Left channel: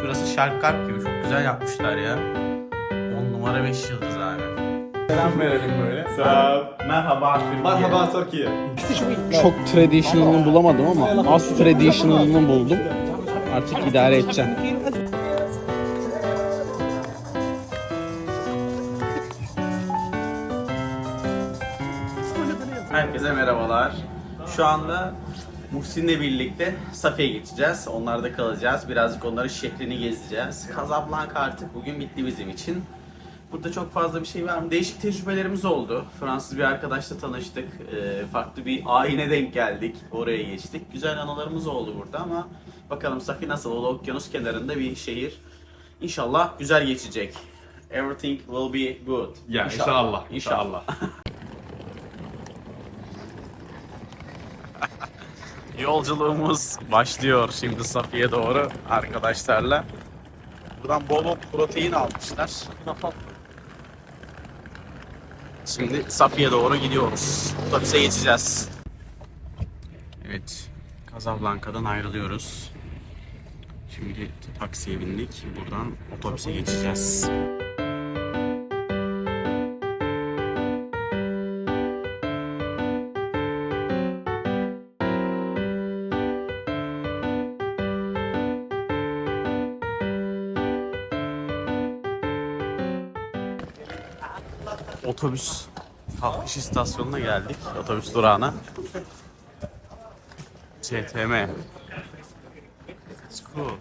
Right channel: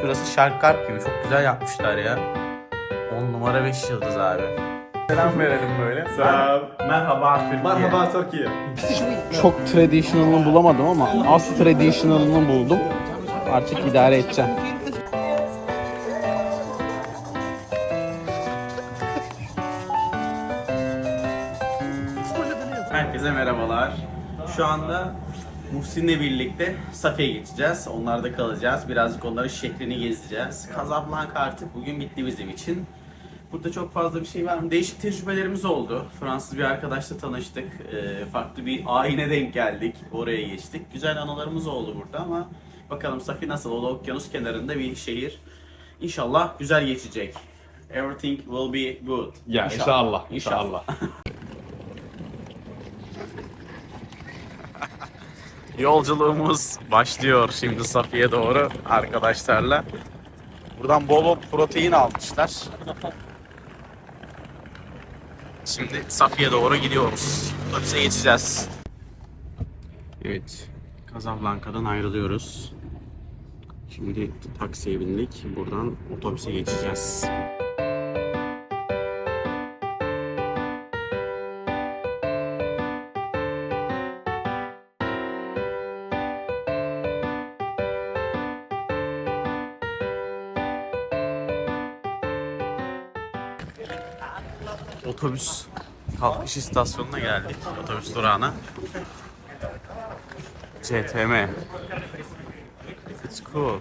Şurası Şarkart gibi. Çok güzel yapmışlar ya. 10 numara 5 yıldız abi. Selam verelim böyle. Selam. Merhaba Türkiye. Merhaba Türkiye. Çok traditional'ını bulamadım ama az traditional'ını buldum. Artık idare edeceğim. Herkese merhabalar. Şu anda Muhsin'le birlikte Safiye geçeceğiz. Onlarda kalacağız. Birazcık onların şeklini gezeceğiz. Casablanca artık bugün bitti bizim için. Burada çok fazla bir şey var mı? Değişik tecrübelerimiz oldu. Fransız bir arkadaşla tanıştık. Ee, farklı bir ayine denk geldik. Oraya geçtik. Güzel anılarımız oldu burada ama bakalım Safi nasıl? O da okyanus kenarında bir şehir. İnşallah güzel geçecek. Everything will be good. Ya inşallah. İnşallah. Yolculuğumuz başlıyor şimdi Safiye doğru arkadaşlarla. Buradan bol protein almışlar. Şimdi Safiye doğru gidiyoruz. Otobüse geçeceğiz. Evet, Casablanca'dan ayrılıyoruz. Şimdi taksiye bindik. Buradan otobüse geçeceğiz. Otobüs kalkış istasyonuna geldik. Otobüs durağına. CTM. It's cool.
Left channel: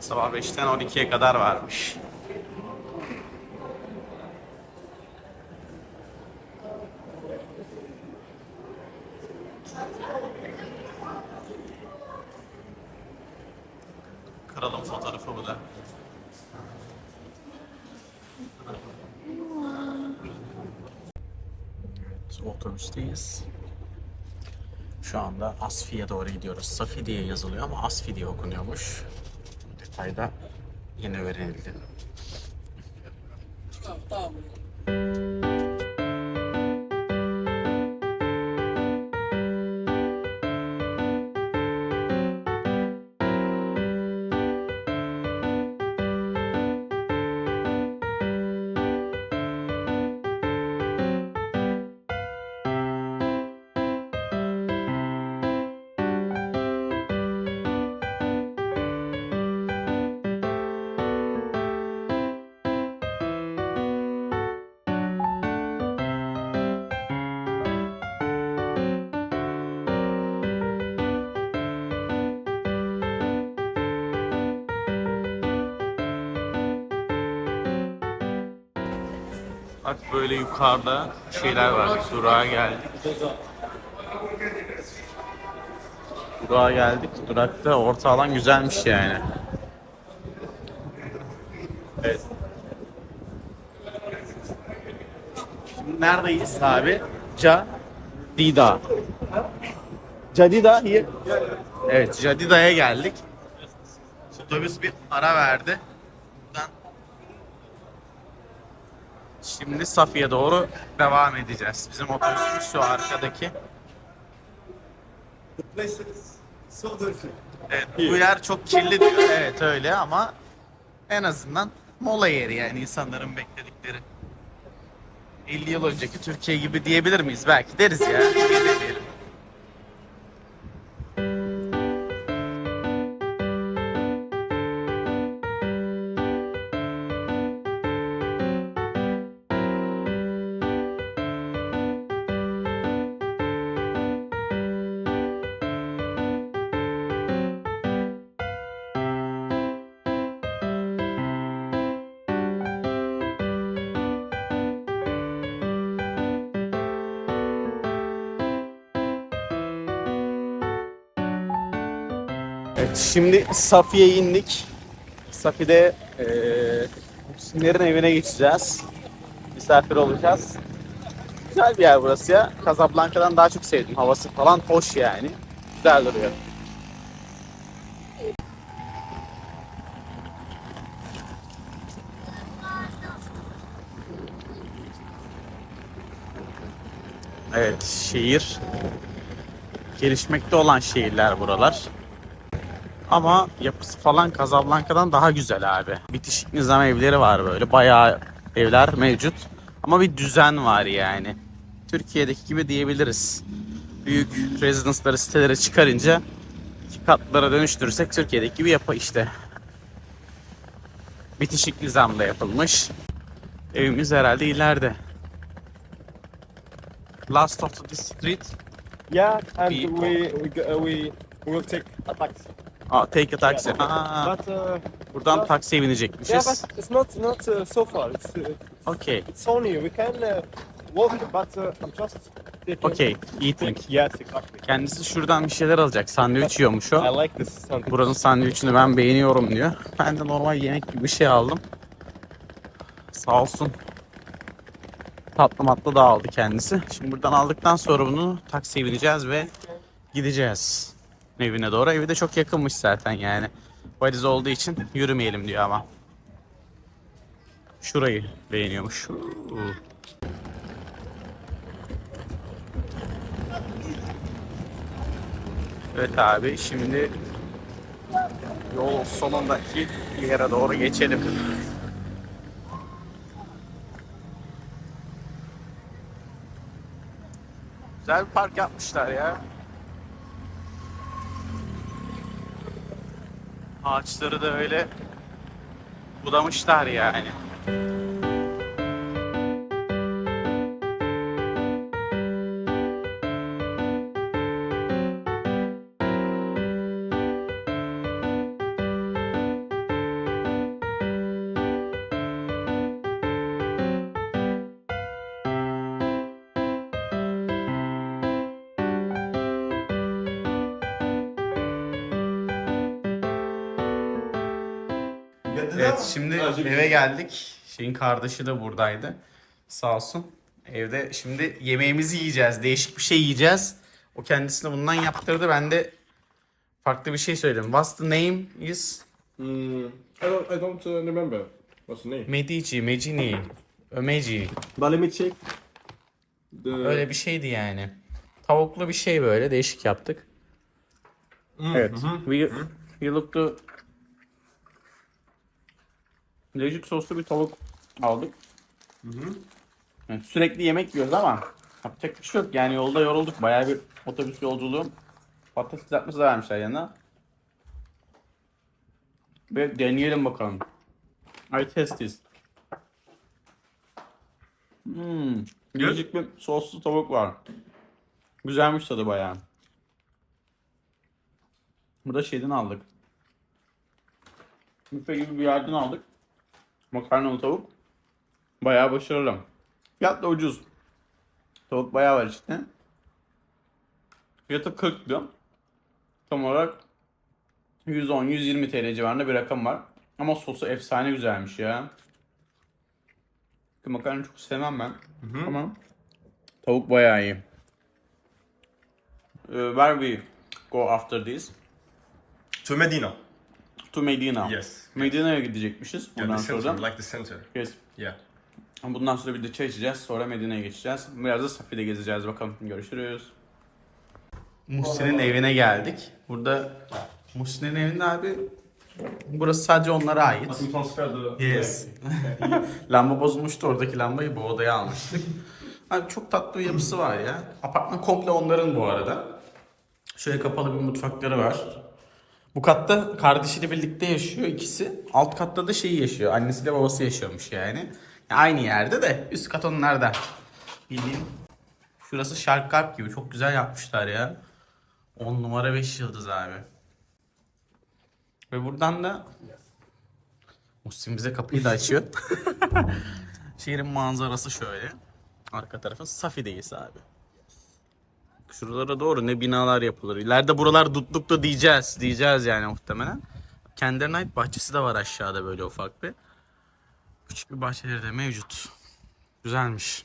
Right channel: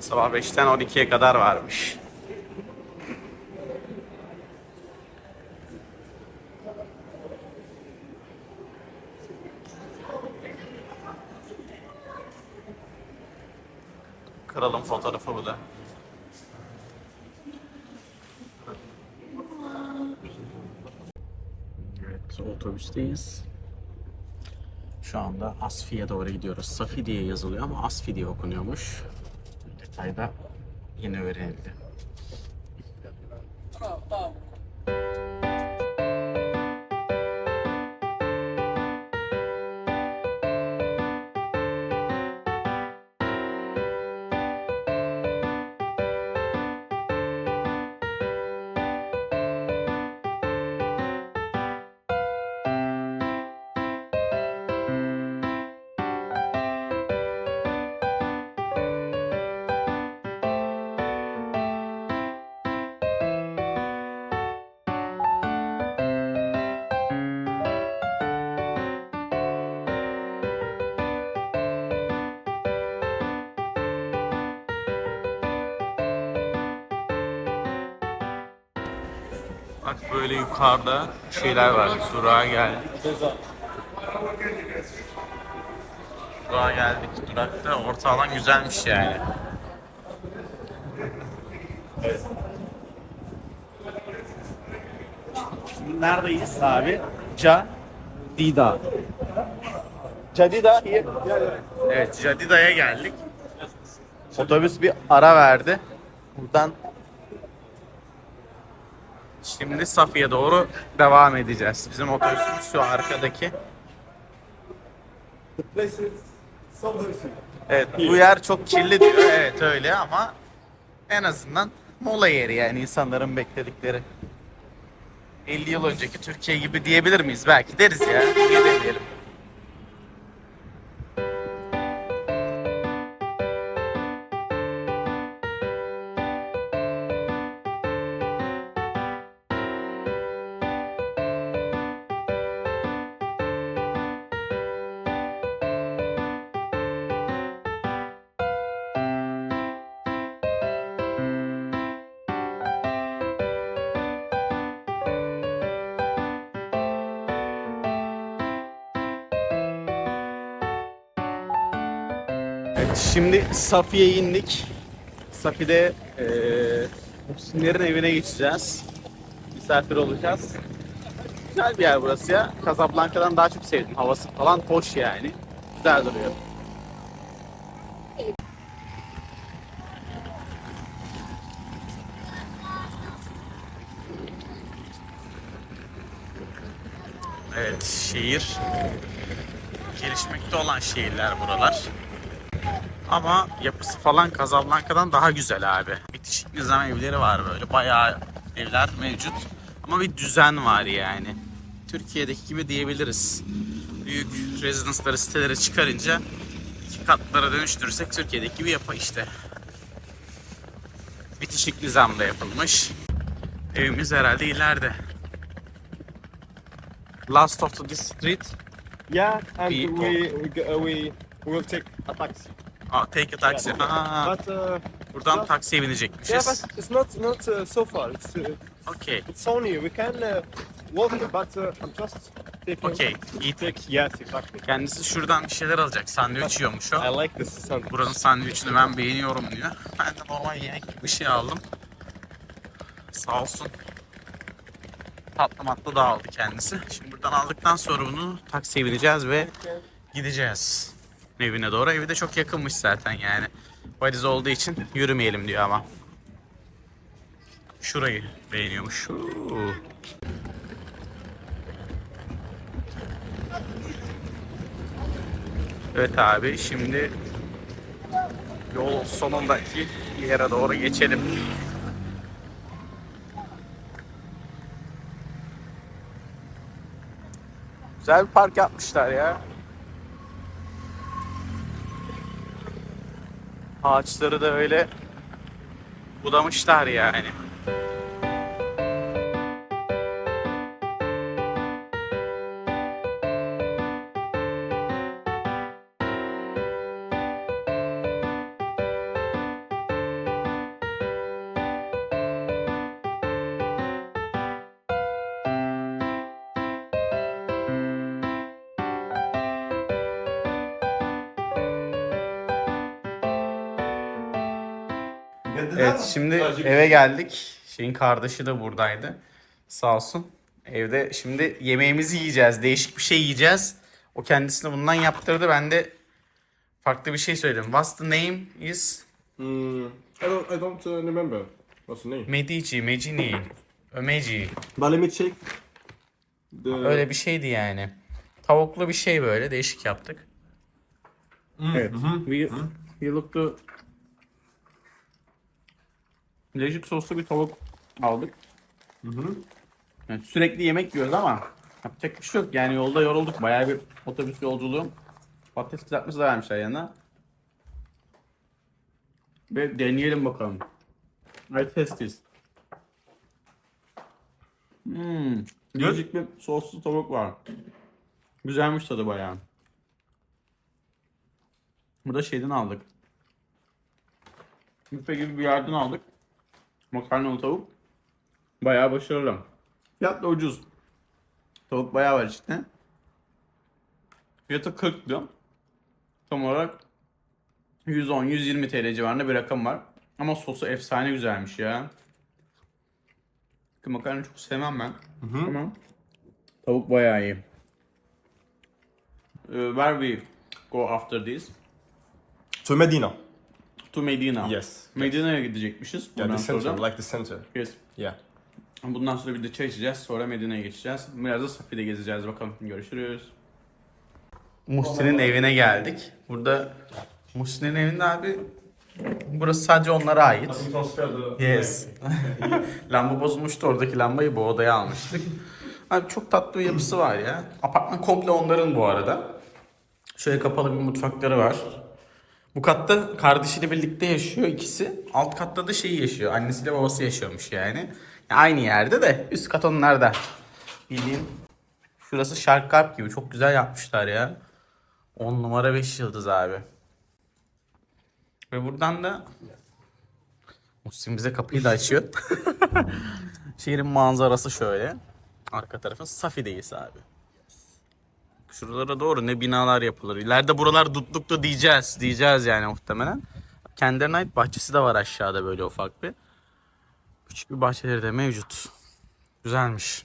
Sabah 5'ten 12'ye kadar varmış. Kralın fotoğrafı bu da. Evet, otobüsteyiz. Şu anda Asfi'ye doğru gidiyoruz. Safi diye yazılıyor ama Asfi diye okunuyormuş. Detayda yeni öğrenildi. Bak böyle yukarıda şeyler var. Durağa geldik. Durağa geldik. Durakta orta alan güzelmiş yani. Evet. Neredeyiz abi? Cadida. Cadida here. Evet, Cadida'ya geldik. Otobüs bir ara verdi. Buradan Şimdi Safiye doğru devam edeceğiz. Bizim otobüsümüz şu arkadaki. Evet bu yer çok kirli diyor. Evet öyle ama en azından mola yeri yani insanların bekledikleri. 50 yıl önceki Türkiye gibi diyebilir miyiz? Belki deriz ya. Niye? Evet, şimdi Safiye indik. Safi'de e, Simlerin evine geçeceğiz. Misafir olacağız. Güzel bir yer burası ya. Casablanca'dan daha çok sevdim. Havası falan hoş yani. Güzel duruyor. Evet, şehir. Gelişmekte olan şehirler buralar. Ama yapısı falan Casablanca'dan daha güzel abi. Bitişik nizam evleri var böyle. Bayağı evler mevcut. Ama bir düzen var yani. Türkiye'deki gibi diyebiliriz. Büyük rezidansları sitelere çıkarınca iki katlara dönüştürürsek Türkiye'deki gibi yapı işte. Bitişik nizamda yapılmış. Evimiz herhalde ileride. Last of the street. Yeah, and We- we we go- we we will take a taxi. Aa, take a taxi. Aa, But uh, buradan taksiye yeah, binecekmişiz. but it's not not uh, so far. It's uh, Okay. it's only we can uh, walk, but uh, just taking. Okay. Eating. Yes, exactly. Kendisi şuradan bir şeyler alacak. Sandviç yiyormuş o. I like this sandwich. Buranın sandviçini ben beğeniyorum diyor. Ben de normal yemek gibi bir şey aldım. Sağ olsun. Tatlı matlı da aldı kendisi. Şimdi buradan aldıktan sonra bunu taksiye bineceğiz ve gideceğiz. Evine doğru. Evi de çok yakınmış zaten yani. Valiz olduğu için yürümeyelim diyor ama. Şurayı beğeniyormuş. Evet abi şimdi yol sonundaki yere doğru geçelim. Güzel bir park yapmışlar ya. Ağaçları da öyle budamışlar yani. Evet şimdi eve geldik. Şeyin kardeşi de buradaydı. Sağ olsun. Evde şimdi yemeğimizi yiyeceğiz. Değişik bir şey yiyeceğiz. O kendisine bundan yaptırdı. Ben de farklı bir şey söyledim. What's the name is Mm, I don't. I don't uh, remember. What's the name? Medici, Mecini, Ömeci. But let me check. The Öyle bir şeydi yani. Tavuklu bir şey böyle değişik yaptık. Evet. We, we look to Lejik soslu bir tavuk aldık. Yani sürekli yemek yiyoruz ama yapacak bir şey yok. Yani yolda yorulduk. Bayağı bir otobüs yolculuğu. Patates kızartması da vermişler yanına. Ve deneyelim bakalım. I test this. Hmm. Değişik bir soslu tavuk var. Güzelmiş tadı bayağı. Bu da şeyden aldık. Büfe gibi bir yerden aldık. Makarnalı tavuk. Bayağı başarılı. Fiyat da ucuz. Tavuk bayağı var işte. Fiyatı 40 diyor. Tam olarak 110-120 TL civarında bir rakam var. Ama sosu efsane güzelmiş ya. Makarna çok sevmem ben. Ama tavuk bayağı iyi. Uh, where we go after this? to Medina. To Medina. Yes. Medina'ya gidecekmişiz Yeah, bundan the center, sonra. like the center. Yes. Yeah. Bundan sonra bir de çay içeceğiz. Sonra Medine'ye geçeceğiz. Biraz da Safi'de gezeceğiz bakalım. Görüşürüz. Muhsin'in evine geldik. Burada Muhsin'in evinde abi burası sadece onlara ait. We transfer the. Yes. Lamba bozulmuştu. Oradaki lambayı bu odaya almıştık. Abi çok tatlı bir yapısı var ya. Apartman komple onların bu arada. Şöyle kapalı bir mutfakları var. Bu katta kardeşiyle birlikte yaşıyor ikisi. Alt katta da şey yaşıyor. Annesiyle babası yaşıyormuş yani. Ya Aynı yerde de üst kat onlarda. Bildiğin şurası Shark Carp gibi. Çok güzel yapmışlar ya. 10 numara 5 yıldız abi. Ve buradan da Muhsin bize kapıyı da açıyor. Şehrin manzarası şöyle. Arka tarafın Safi'deyiz abi. Şuralara doğru ne binalar yapılır. İleride buralar dutlukta diyeceğiz. Diyeceğiz yani muhtemelen. Kendilerine ait bahçesi de var aşağıda böyle ufak bir. Küçük bir bahçeleri de mevcut. Güzelmiş.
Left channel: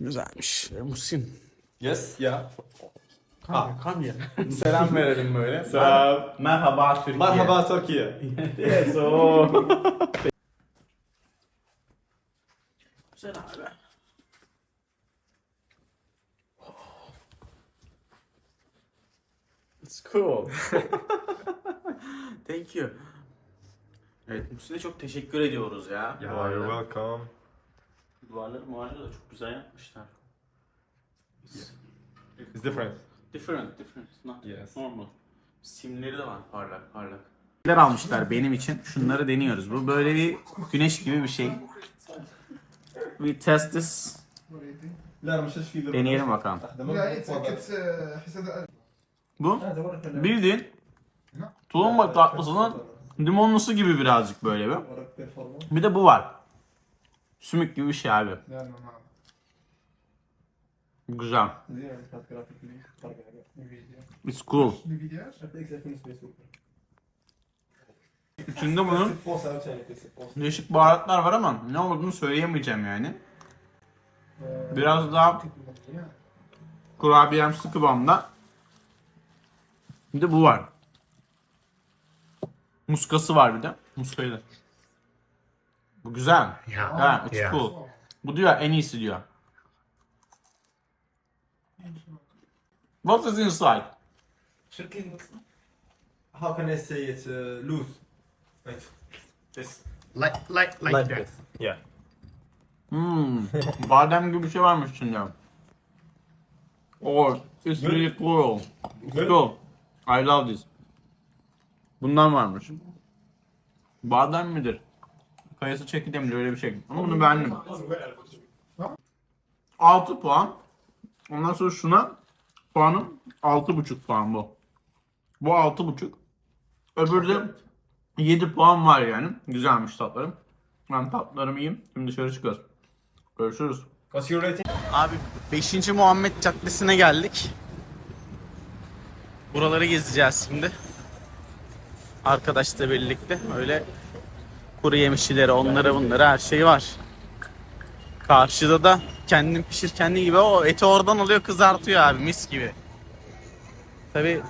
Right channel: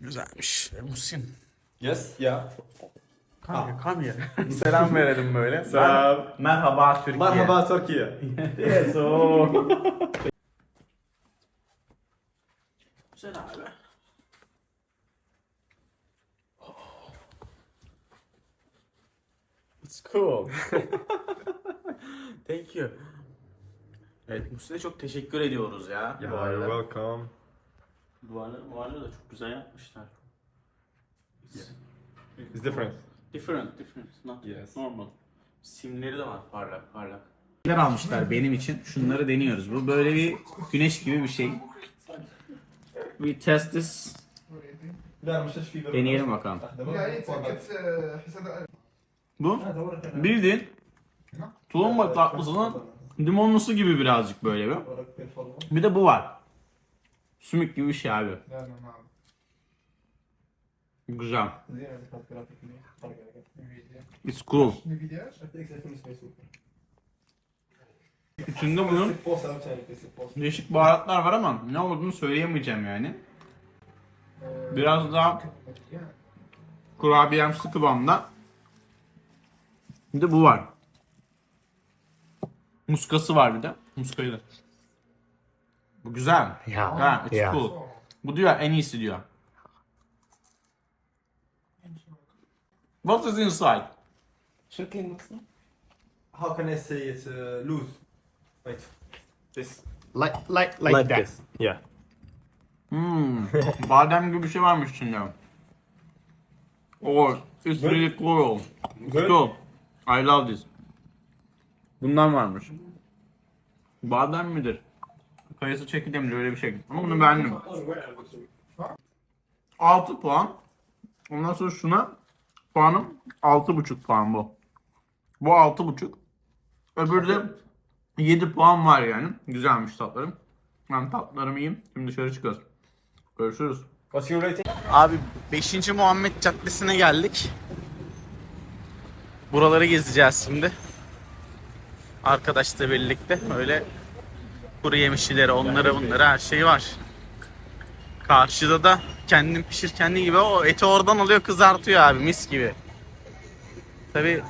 Güzelmiş. E, Muhsin. Yes. Yeah. Kam kam ya. Selam verelim böyle. Selam. Merhaba Türkiye. Merhaba Türkiye. Yes, o. Güzel abi. It's cool. Thank you. Evet Muhsin'e çok teşekkür ediyoruz ya. Yeah, you're welcome. Duvarları muvarları da çok güzel yapmışlar. It's It's different. different, different. Not Yes. normal. Simleri de var parlak parlak. Neler almışlar benim için? Şunları deniyoruz. Bu böyle bir güneş gibi bir şey. We test this. Deneyelim bakalım. Bu bildiğin tulumba tatlısının limonlusu gibi birazcık böyle bir. Bir de bu var. Sümük gibi bir şey abi. Güzel. It's cool. İçinde bunun değişik baharatlar var ama ne olduğunu söyleyemeyeceğim yani. Biraz daha kurabiyemsi kıvamda. Bir de bu var. Muskası var bir de. Muskayı da. Bu güzel. Yeah. Ha, it's Yeah. cool. Bu diyor en iyisi diyor. What is inside? How can I say it? Uh, loose. Like this. Like like like, that. Yeah. Hmm. Badem gibi bir şey varmış içinde. Oh, it's really cool. It's cool. I love this. Bundan varmış. Badem midir? Kayısı çekirdeği midir öyle bir şey. Ama bunu beğendim. 6 puan. Ondan sonra şuna puanım 6,5 puan bu. Bu 6,5. Öbürü de 7 puan var yani. Güzelmiş tatlarım. Ben tatlarımı yiyeyim. Şimdi dışarı çıkıyoruz. Görüşürüz. Abi 5. Muhammed Caddesi'ne geldik. Buraları gezeceğiz şimdi. Arkadaşla birlikte öyle kuru yemişçileri, onlara bunlara her şey var. Karşıda da kendin pişir kendi gibi o eti oradan alıyor kızartıyor abi mis gibi. Tabi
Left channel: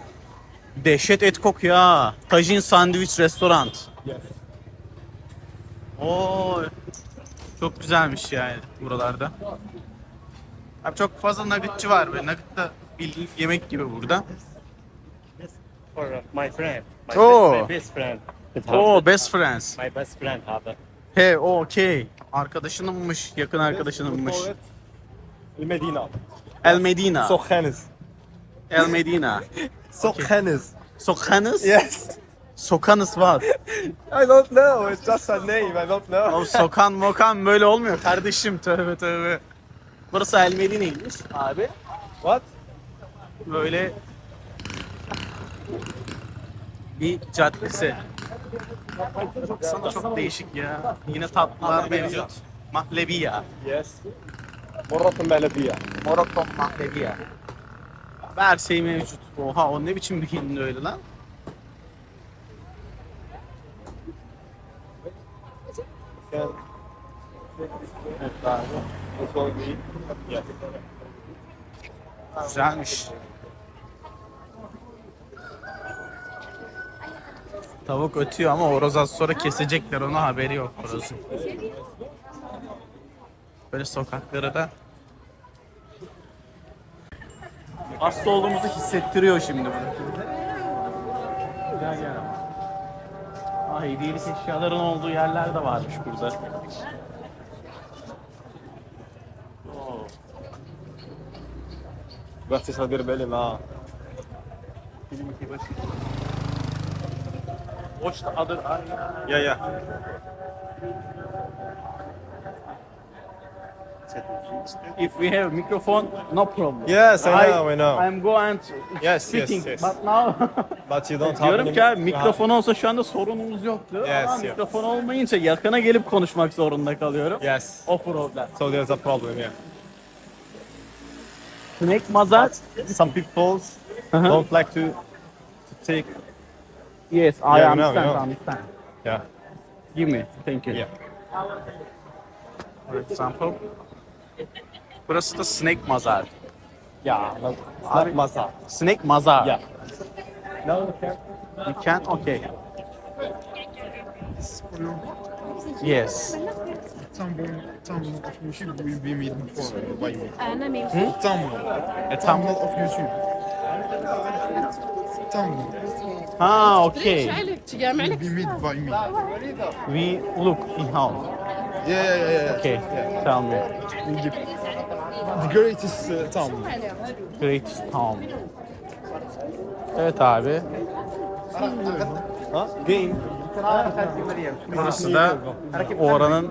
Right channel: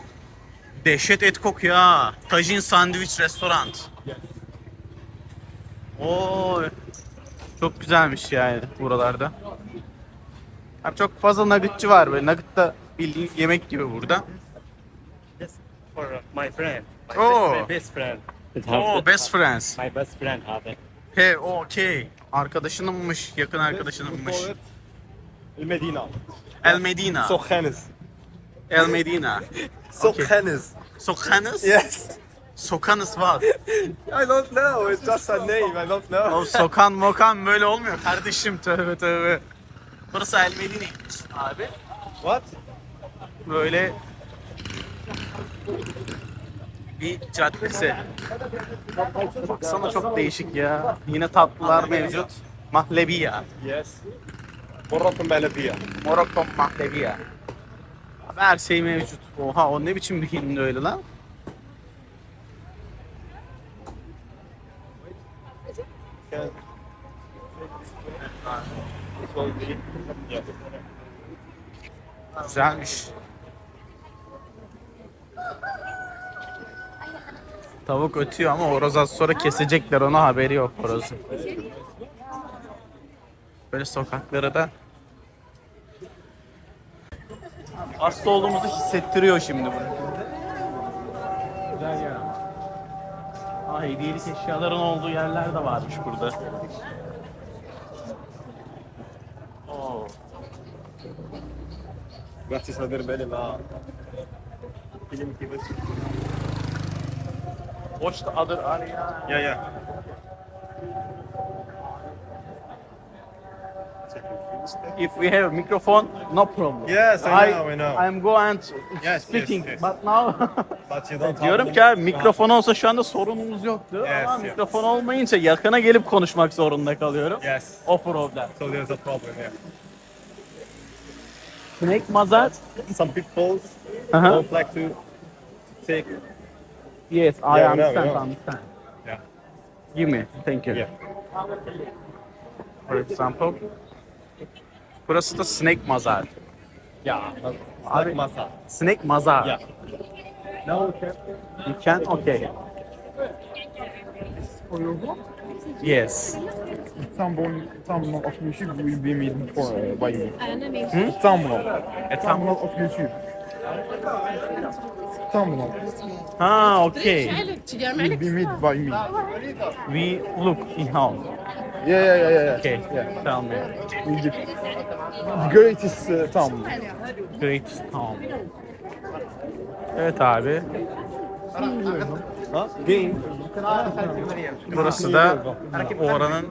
dehşet et kokuyor ha. Tajin Sandviç Restoran. Oo, çok güzelmiş yani buralarda. Abi çok fazla nuggetçi var böyle. Nugget da bildiğin yemek gibi burada. For my friend. My Oh. best friend. Oo best friends. My best friend it. He okey. Arkadaşınınmış, yakın arkadaşınınmış. Medina. El Medina. Sokhanis. El Medina. Sokhanis. Sokanız? Yes. Sokanız what? I don't know. It's just a name. I don't know. O sokan mokan böyle olmuyor kardeşim tövbe tövbe. Burası El Medine'ymiş abi. What? Böyle bir caddesi. Baksana çok değişik ya. Yine tatlılar mevcut. Mahlebiya. Yes. Moroccan Belediye. Morokko mahlebiya. Her şey mevcut. Oha o ne biçim bir hindi öyle lan? Güzelmiş. Tavuk ötüyor ama horoz az sonra kesecekler ona haberi yok horozun. Böyle sokaklara da hasta olduğumuzu hissettiriyor şimdi bunu. Güzel yer ama. Ha hediyelik eşyaların olduğu yerler de varmış burada. Oo. Gracias a Derbeli, What's the other area? Yeah, yeah. If we have a microphone, no problem. Yes, I, I know, I know. I'm go and Yes, speaking, yes, yes. but now But you don't diyorum ki abi, mikrofon olsa şu anda sorunumuz yoktu Yes, ama yes. mikrofon olmayınca yakına gelip konuşmak zorunda kalıyorum. Yes. O problem. So there's a problem, yeah. Snake mazat Some people Uh-huh. don't like to, to take. Yes, I Yeah, no, understand, no. understand. Yeah. Give me, thank you. Yeah. For example. Burası da snake mazar. Yeah. Abi, Masa. snake mazar. Yeah. Now we can. You can? Okay. Yes. thumbnail, thumbnail of YouTube will be made before uh, by me. Mesmo. Hmm? Thumbnail. A Thumbnail of YouTube. Tamam. Ha, okay. Be made by me. We look in how. Yeah, yeah, yeah, yeah. Okay. Tell me. The, the greatest uh, town. Great town. Evet abi. Huh? Game. Burası da oranın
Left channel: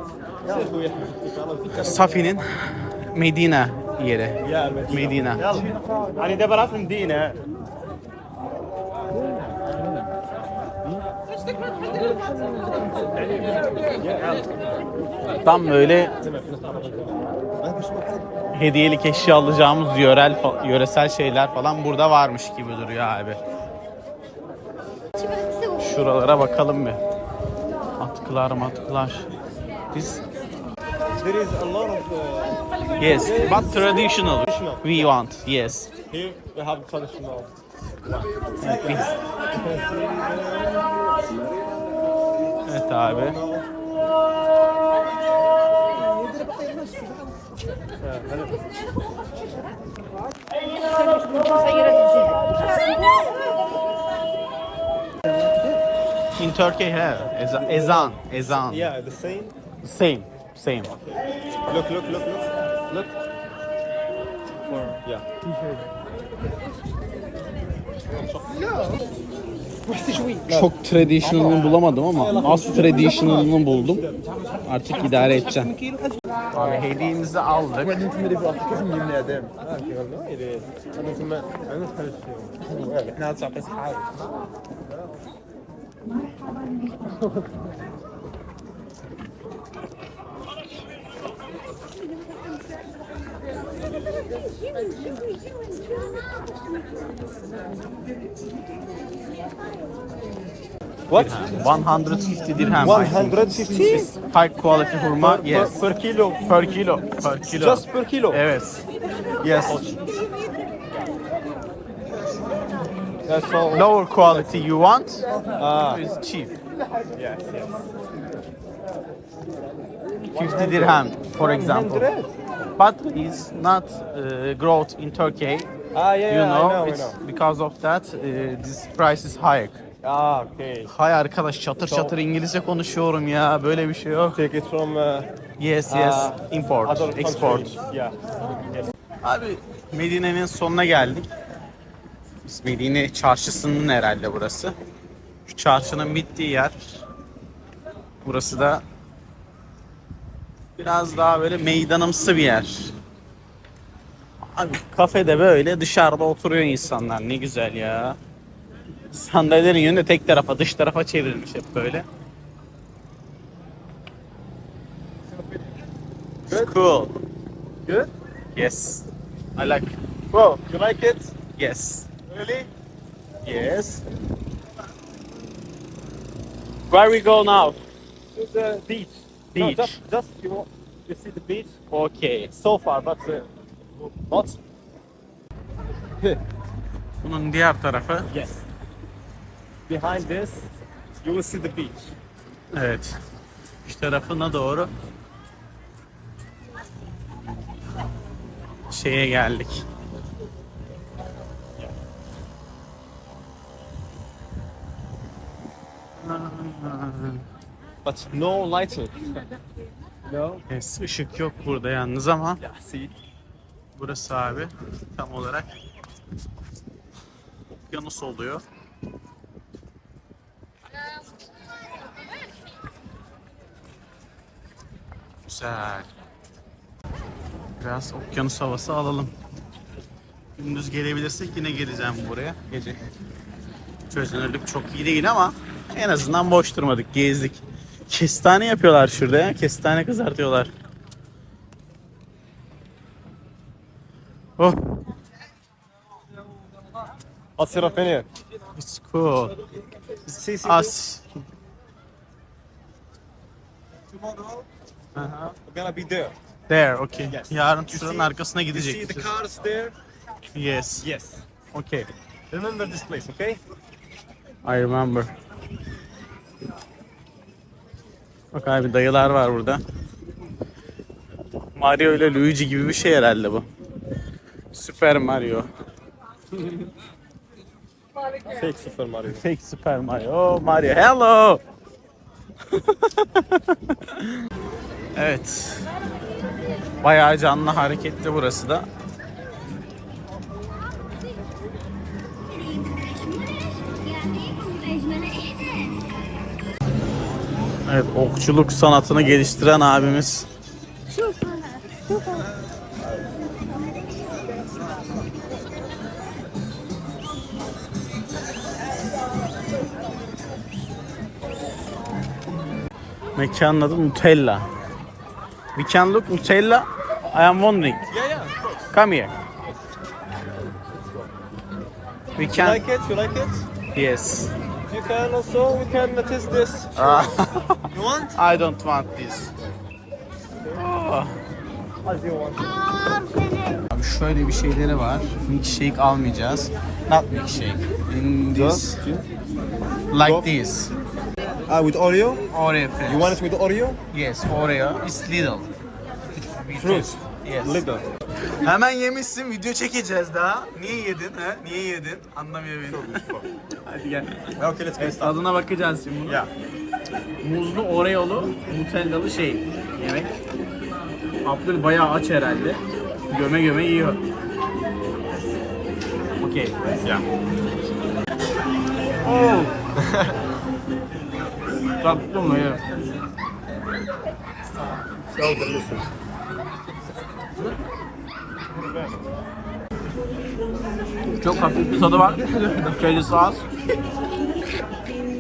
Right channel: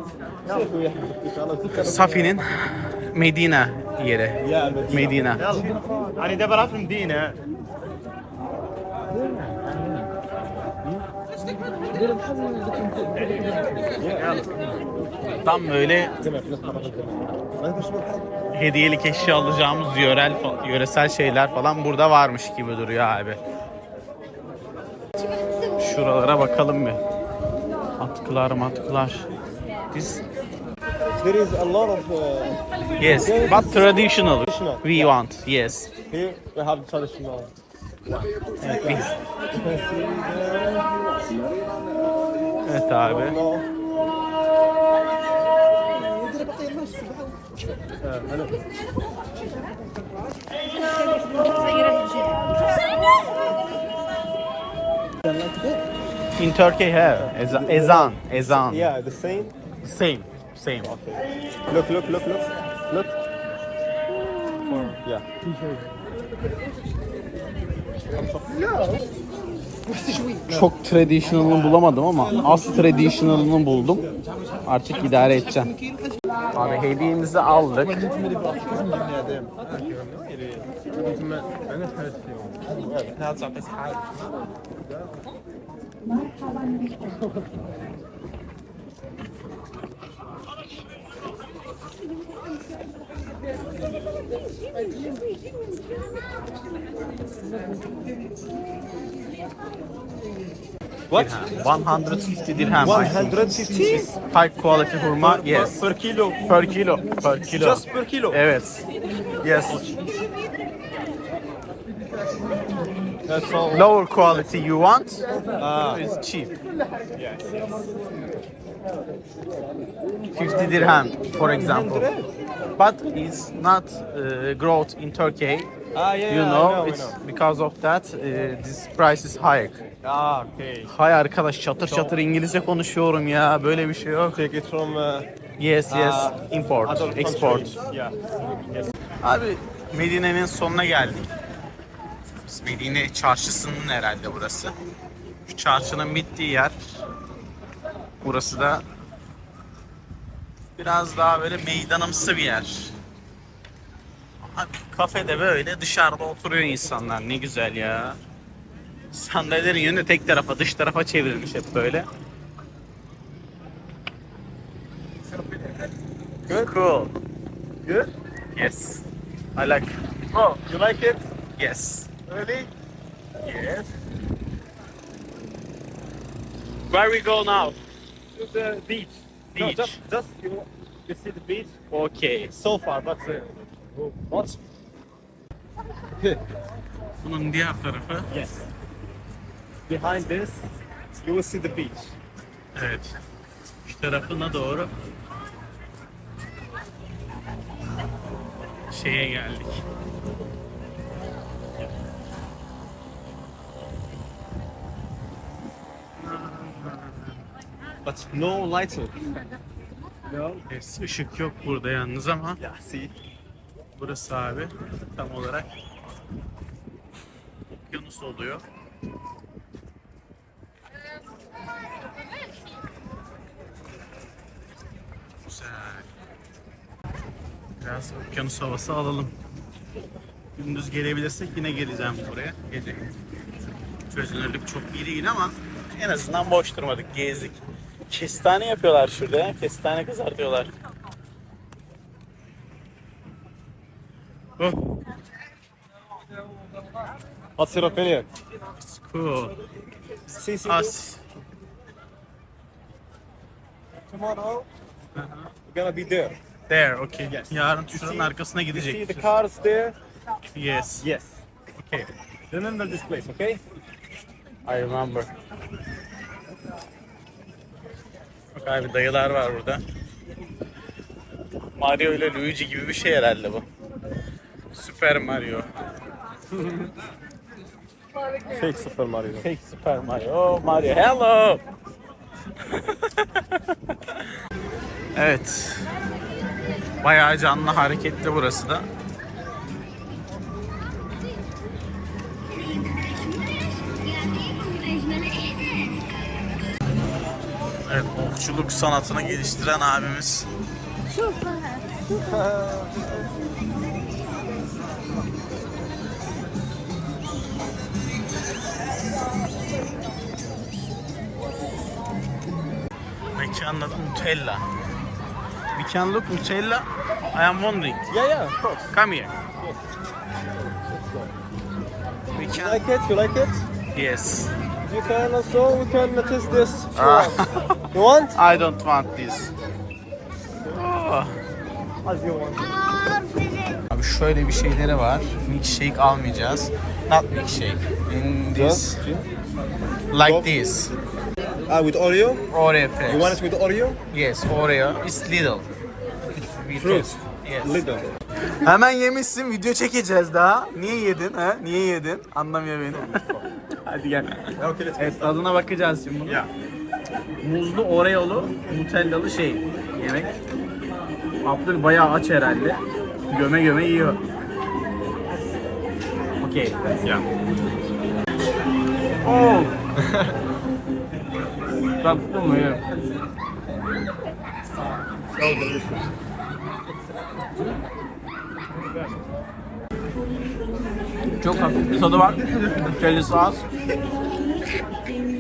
Safi'nin Medine yere. Medina. Hani de bırak Medina. Tam böyle hediyelik eşya alacağımız yörel yöresel şeyler falan burada varmış gibi duruyor abi. Şuralara bakalım bir. Atkılar matkılar. Biz There is a lot of uh, yes, but traditional. We want yes. here. We have traditional. Evet abi. In Turkey have eza- ezan, ezan. Yeah, the same. Same, same. Look, look, look, look, look. For yeah. Çok traditional'ını bulamadım ama az traditional'ını buldum. Artık idare edeceğim. Abi hediyemizi aldık. What? 150 dirhem. I think. 150 High quality hurma, yes. per kilo. Per kilo. Per kilo. Just per kilo. Evet. Yes. Lower quality you want Ah, is cheap. 50 dirhem, for example. But it's not uh, growth in Turkey. ah yeah, You I know, know, I it's know. because of that uh, this price is high. Ah, okay. Hay arkadaş çatır çatır İngilizce konuşuyorum ya. Böyle bir şey yok. Take it from uh, Yes, yes. ah, Import, other export. countries. Yeah. Yes. Abi Medine'nin sonuna geldik. Medine çarşısının herhalde burası. Şu çarşının bittiği yer. Burası da biraz daha böyle meydanımsı bir yer. Abi kafede böyle dışarıda oturuyor insanlar. Ne güzel ya. Sandalyelerin yönü tek tarafa, dış tarafa çevrilmiş hep böyle. It's cool. Good? Yes. I like Bro, you like it? Yes. Really? Yes. Where we go now? To the beach. No, Beach. just, just you, know, you see the beach Okay. so far, but uh, not. Bunun diğer tarafı. Yes. Behind this, you will see the beach. Evet. Şu tarafına doğru şeye geldik. But no lighting. no. Yes, ışık yok burada yalnız ama Yeah, see. burası abi tam olarak Yunus oluyor. Güzel. Biraz okyanus havası alalım. Gündüz gelebilirsek yine geleceğim buraya. Gece çözünürlük çok iyi değil ama en azından boş durmadık, gezdik. Kestane yapıyorlar şurada ya. Kestane kızartıyorlar. Oh, your opinion? it's cool. Us. tomorrow Aha. we're gonna be there. There, okay. Yes. Yarın şuranın arkasına You see the gidecek. cars there? Yes. Yes. Okay. Remember this place, okay? I remember. Bak abi dayılar var burada. Mario ile Luigi gibi bir şey herhalde bu. Super Mario. Fake Super Mario. Fake Super Mario. Oh Mario, hello. evet. Bayağı canlı hareketli burası da. Okçuluk sanatını geliştiren abimiz. Mekanın adı Nutella. We can look Nutella. I am wondering. Yeah, yeah, of course. Come here. We You can. like it? You like it? Yes. You can also, we can taste this. Ah, You want? I don't want this. Oh. As you want. Abi şöyle bir şeyleri var. Milkshake almayacağız. Not milkshake. Mm, this. Like this. Uh, with Oreo? Oreo You fries. want it with Oreo? Yes, Oreo. It's little. Fruit. Yes. Little. Hemen yemişsin, video çekeceğiz daha. Niye yedin ha? Niye yedin? Anlamıyor beni. Hadi gel. Okay, Evet, tadına bakacağız şimdi bunu. Yeah. Muzlu Oreo'lu, Nutellalı şey yemek. Abdül bayağı aç herhalde. Göme göme yiyor. Okey. Yeah. Oh. Tattım mı yerim. Çok hafif bir tadı var. Kellesi az.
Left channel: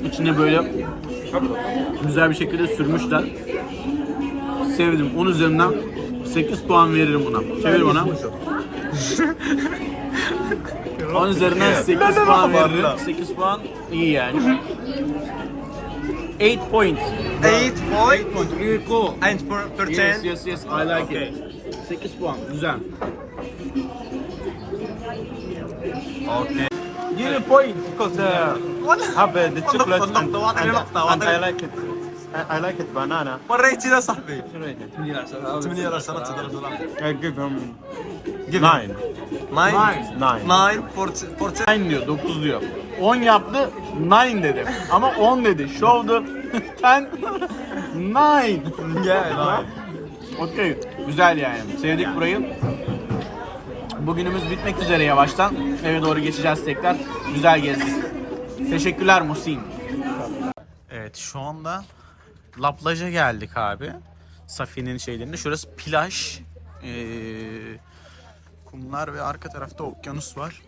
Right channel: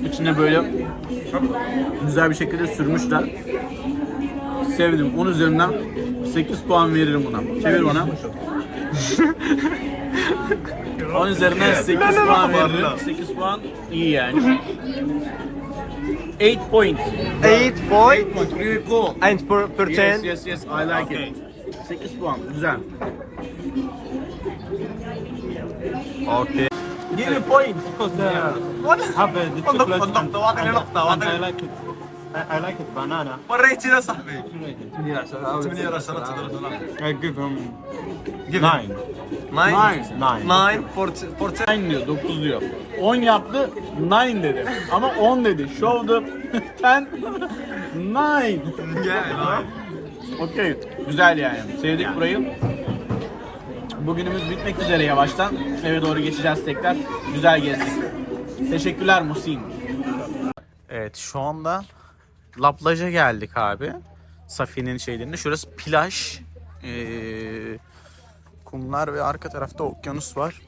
İçine böyle güzel bir şekilde sürmüşler. Sevdim. 10 üzerinden 8 puan veririm buna. Çevir bana. 10 üzerinden 8 puan veririm. 8 puan iyi yani. 8 points. 8 point 8 points. Really cool. and per, per 10. Yes, yes, yes. I like it. 8 puan. Güzel. Okay. Give me point. Because uh, have uh, the chocolate نقطة، and, نقطة، and, نقطة، and I نقطة. like it. I, I like it banana. وريتي يا صاحبي. I give him nine. Nine. Nine. Nine for, for ten diyor, 9 diyor. 10 yaptı, 9 dedi. Ama 10 dedi. Show the 10, 9. Yeah, nine. Okey, güzel yani. Sevdik burayı. Bugünümüz bitmek üzere yavaştan. Eve doğru geçeceğiz tekrar. Güzel gezdik. Teşekkürler Musin. Evet şu anda La geldik abi. Safiye'nin şeylerinde. Şurası plaj. Ee, kumlar ve arka tarafta okyanus var.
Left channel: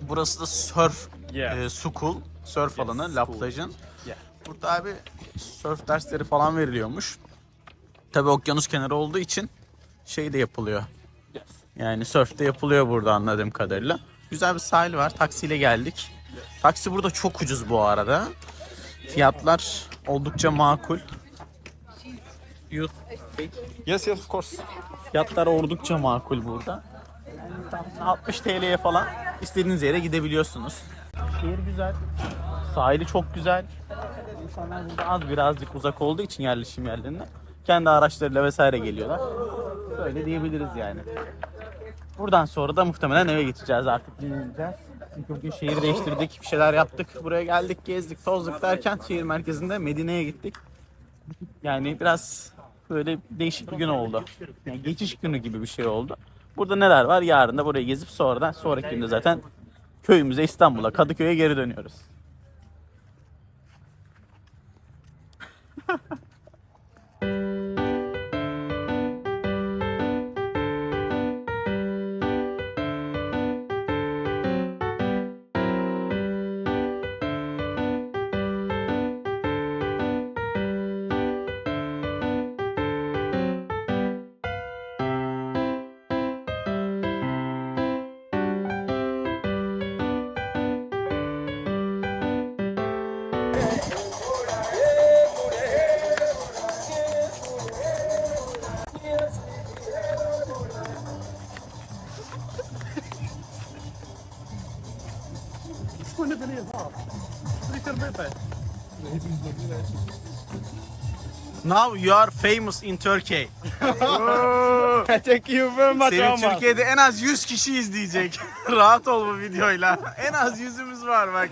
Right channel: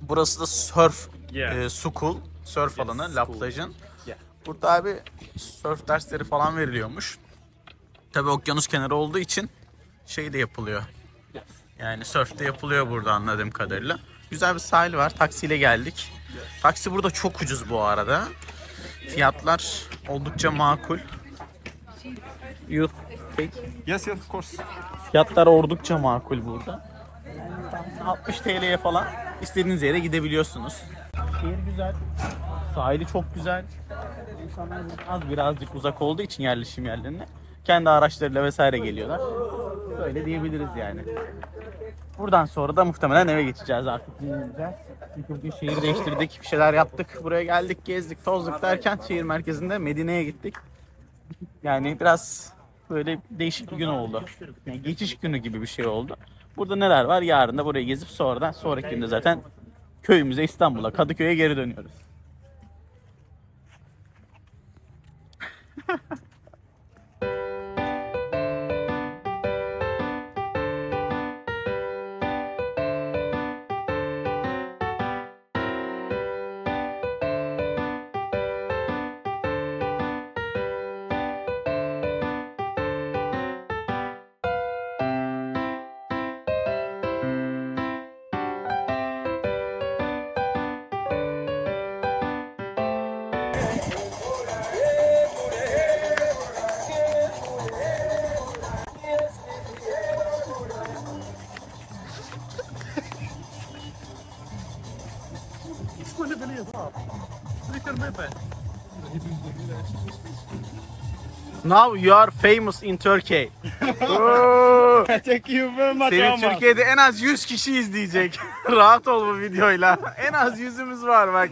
Burası da surf, e, su cool, surf alanı La Plage'ın. Burada abi surf dersleri falan veriliyormuş. Tabi okyanus kenarı olduğu için şey de yapılıyor. Yani surf de yapılıyor burada anladığım kadarıyla. Güzel bir sahil var. Taksiyle geldik. Taksi burada çok ucuz bu arada. Fiyatlar oldukça makul. You- Yes, yes, of course. Fiyatlar oldukça makul burada. Yani tam 60 TL'ye falan istediğiniz yere gidebiliyorsunuz. Şehir güzel. Sahili çok güzel. Az birazcık uzak olduğu için yerleşim yerlerine kendi araçlarıyla vesaire geliyorlar. Böyle diyebiliriz yani. Buradan sonra da muhtemelen eve geçeceğiz artık dinleneceğiz. Çünkü bugün şehir değiştirdik, bir şeyler yaptık. Buraya geldik, gezdik, tozduk derken şehir merkezinde Medine'ye gittik. Yani biraz böyle değişik bir gün oldu. Yani geçiş günü gibi bir şey oldu. Burada neler var? Yarın da burayı gezip sonradan sonraki günde zaten köyümüze İstanbul'a, Kadıköy'e geri dönüyoruz. Now you are famous in Turkey. Thank you very much Seni. Türkiye'de en az 100 kişi izleyecek. Rahat ol bu videoyla. En az yüzümüz var bak.